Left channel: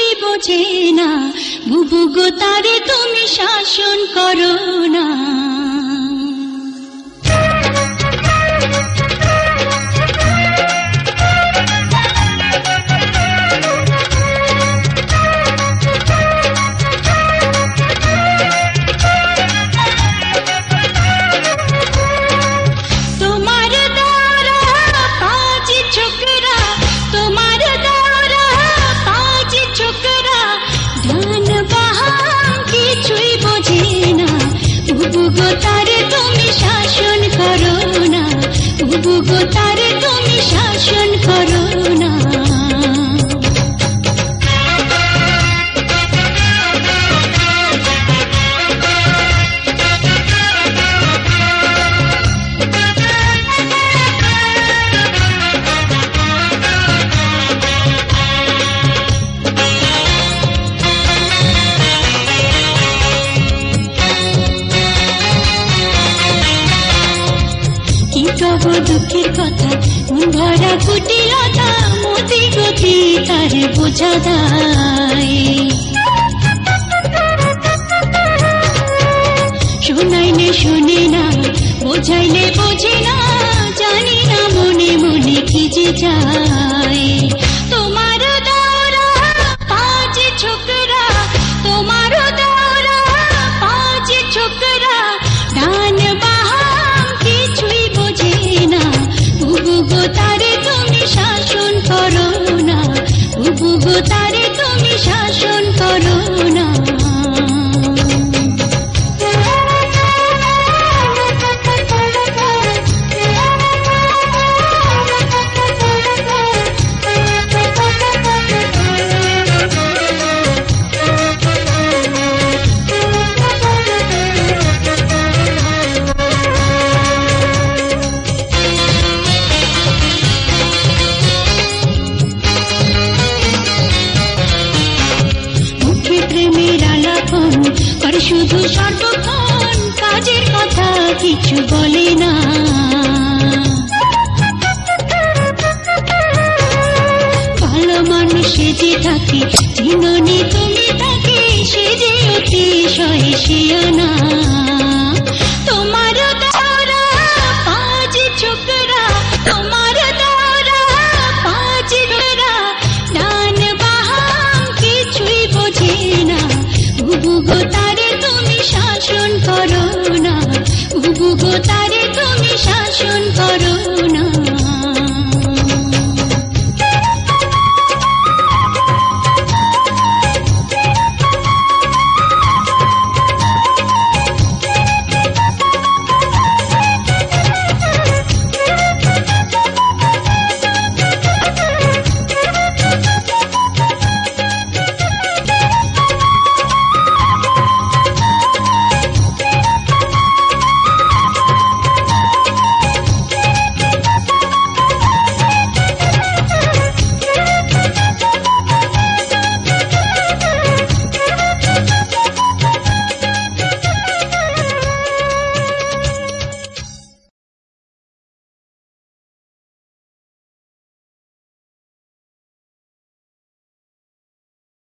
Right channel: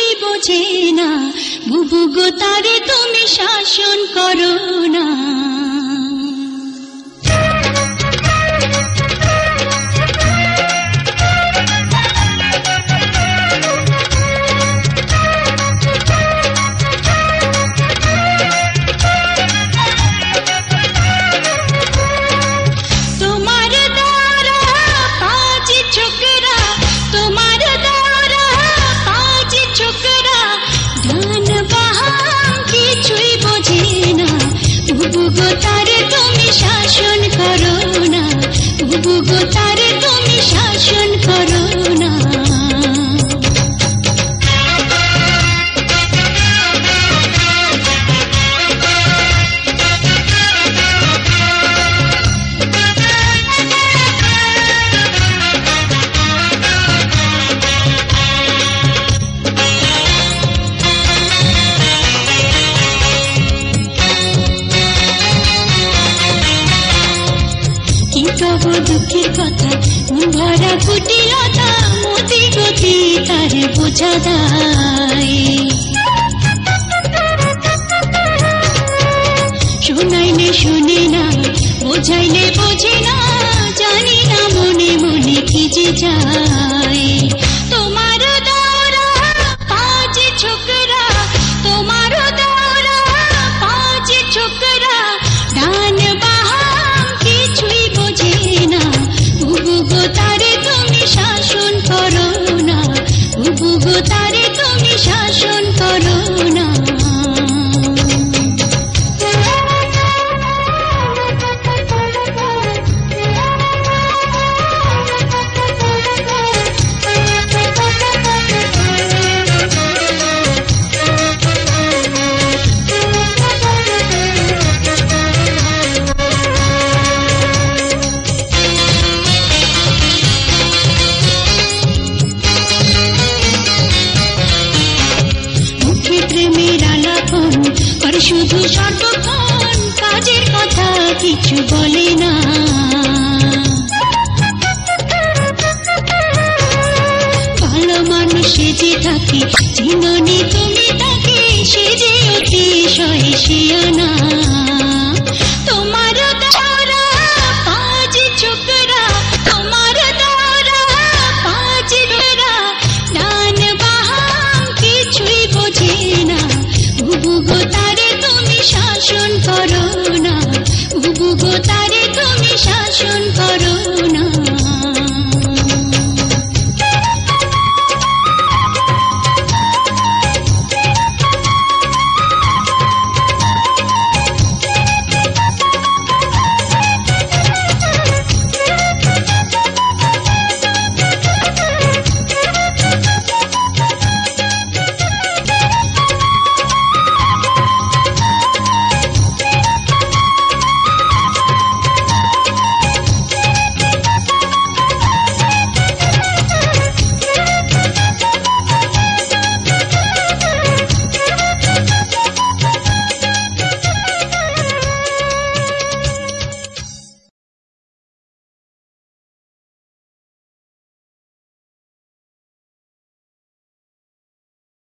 কিছুই বোঝে না, বুবু গো তারে তুমি শাসন করো না। বুবু তারে তুমি শাসন করো না, বুবু তারে তুমি শাসন করো না। তবু দুঃখের কথা ভরা কুটিলতা, মতি গতি তারে বোঝা যায়। শোনাইলে শুনি না, বোঝাইলে বোঝে না, জানি না মনে মনে কি যে যায়। তোমার দৌড়া পাঁচ ছোকরা, তোমার দৌড়া পাঁচ ছোকরা, দান বাহাম কিছুই বোঝে না, বুবু গো তারে তুমি শাসন করো না, বুবু গো তারে তুমি শাসন করো না। শুধু সর্বক্ষণ কাজের কথা কিছু বলে না, ভালো মানুষ সেজে থাকে, জীবনে তুমি তাকে সেজে অতিশয় শিয়ানা। তোমার দ্বারা পাঁচ ছোকরা, তোমার দ্বারা পাঁচ ছোকরা, দান বাহাম কিছুই বোঝে না, বুবু গো তারে তুমি শাসন করো না, বুবু গো তারে তুমি শাসন